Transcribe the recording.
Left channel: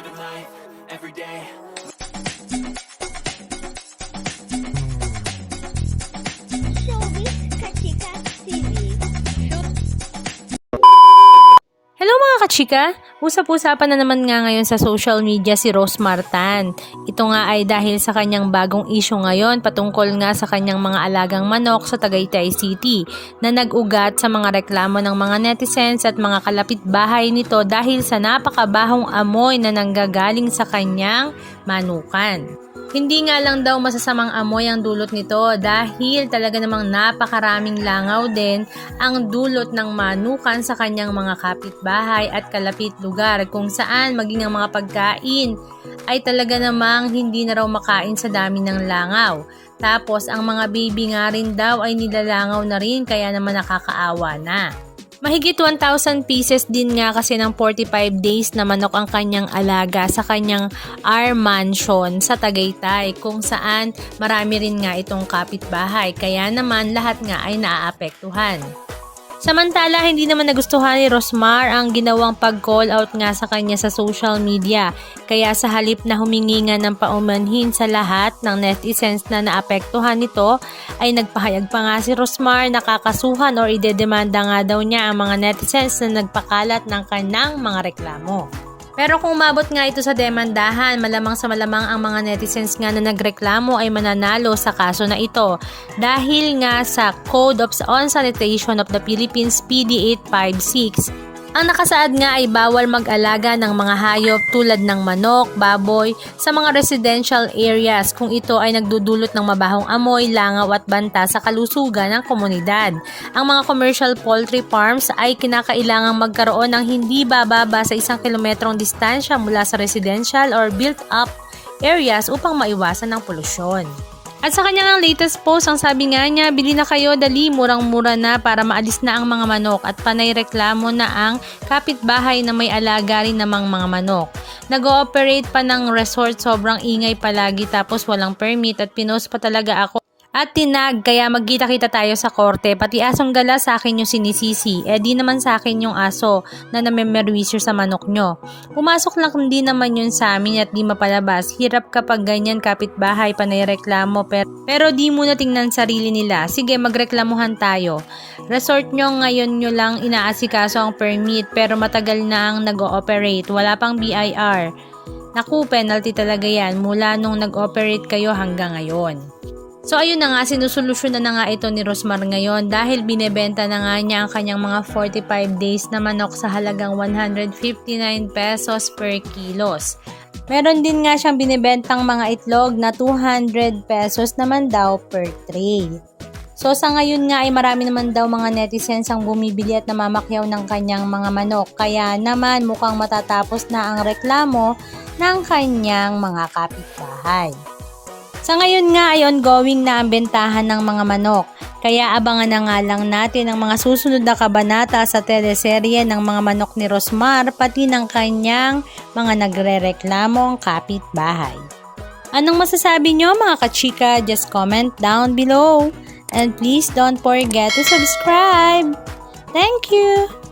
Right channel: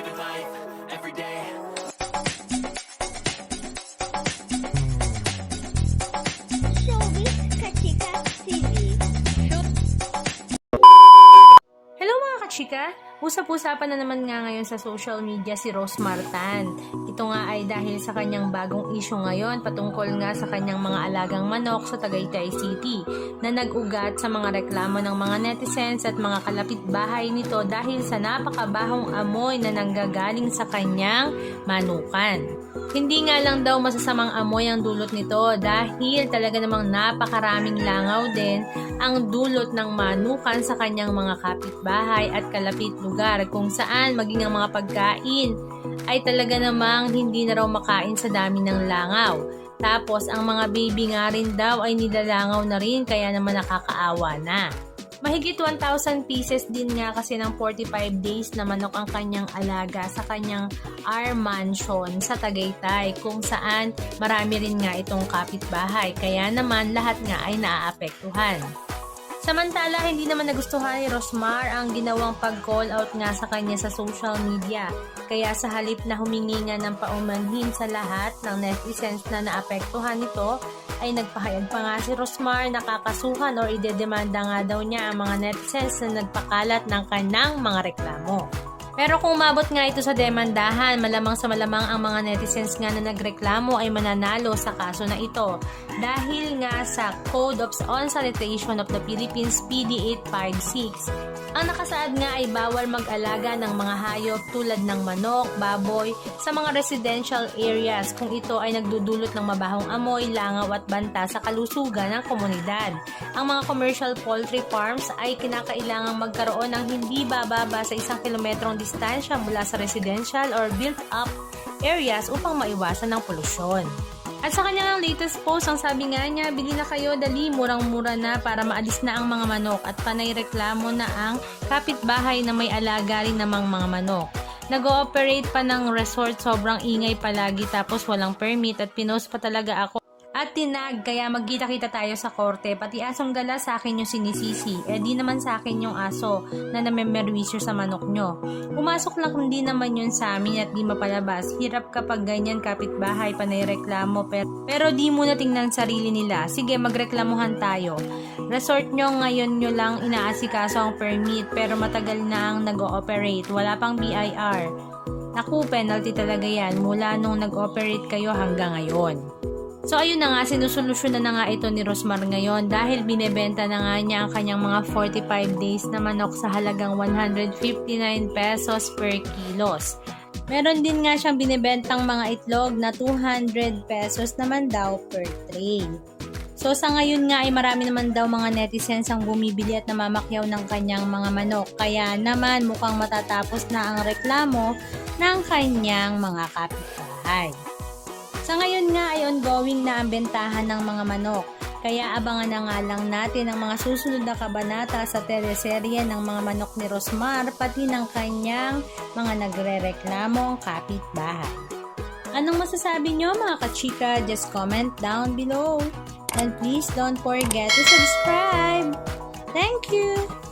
living life every day. Showbiz Kachika TV. Hello mga kachika! Usap-usapan na naman nga ngayon sa social media si Rose Martan. Ito nga ay dahil sa kanyang bagong issue ngayon patungkol nga sa kanyang mga alagang manok sa Tagaytay City na nag-ugat sa mga reklamo ng mga netizens at mga kalapit bahay nito dahil sa napakabahong amoy na nanggagaling sa kanyang manukan. Hindi nga lang daw masasamang amoy ang dulot nito dahil talaga namang napakaraming langaw din ang dulot ng manukan sa kanyang mga kapitbahay at kalapit lugar kung saan maging ang mga pagkain ay talaga namang hindi na raw makain sa dami ng langaw. Tapos ang mga baby nga rin daw ay nilalangaw na rin kaya naman nakakaawa na. Mahigit 1,000 pieces din nga kasi ng 45 days na manok ang kanyang alaga sa kanyang R Mansion sa Tagaytay kung saan marami rin nga itong kapitbahay kaya naman lahat nga ay naaapektuhan. Samantala, hindi naman nagustuhan ni Rosmar ang ginawang pag-call out nga sa kanya sa social media. Kaya sa halip na humingi nga ng paumanhin sa lahat ng netizens na naapektuhan nito, ay nagpahayag pa nga si Rosmar na kakasuhan o idedemanda nga daw niya ang mga netizens na nagpakalat ng kanyang mga reklamo. Pero kung umabot nga ito sa demandahan, malamang sa malamang ang mga netizens nga na nagreklamo ay mananalo sa kaso na ito dahil nga sa Code of On-Sanitation of the Philippines PD 856. Ang nakasaad nga ay bawal mag-alaga ng mga hayop tulad ng manok, baboy sa mga residential areas kung ito ay nagdudulot ng mabahong amoy, langaw at banta sa kalusugan ng komunidad. Ang mga commercial poultry farms ay kinakailangang magkaroon ng hindi bababa sa 1 kilometrong distansya mula sa residential or built-up areas upang maiwasan ng polusyon. At sa kanyang latest post, ang sabi nga niya, bili na kayo dali, murang-mura na para maalis na ang mga manok at panay reklamo na ang kapitbahay na may alaga rin namang mga manok. Nag-ooperate pa ng resort, sobrang ingay palagi tapos walang permit at pinost pa talaga ako. At tinag, kaya magkita-kita tayo sa korte, pati asong gala sa akin yung sinisisi, di naman sa akin yung aso na namemerwisyo sa manok nyo. Pumasok lang din naman yun sa amin at di mapalabas, hirap kapag ganyan kapitbahay panay reklamo pero di muna tingnan sarili nila, sige magreklamuhan tayo. Resort nyo ngayon nyo lang inaasikaso ang permit pero matagal na ang nag-ooperate, wala pang BIR. Naku, penalty talaga yan mula nung nag-operate kayo hanggang ngayon. So ayun na nga, sinusolusyonan na nga ito ni Rosmar ngayon dahil binebenta na nga niya ang kanyang mga 45 days na manok sa halagang 159 pesos per kilos. Meron din nga siyang binebentang mga itlog na 200 pesos naman daw per tray. So sa ngayon nga ay marami naman daw mga netizens ang bumibili at namamakyaw ng kanyang mga manok. Kaya naman mukhang matatapos na ang reklamo ng kanyang mga kapitbahay. Sa ngayon nga ay ongoing na ang bentahan ng mga manok, kaya abangan na nga lang natin ang mga susunod na kabanata sa teleserye ng mga manok ni Rosmar pati ng kanyang mga nagrereklamong kapitbahay. Anong masasabi nyo mga kachika? Just comment down below. And please don't forget to subscribe. Thank you!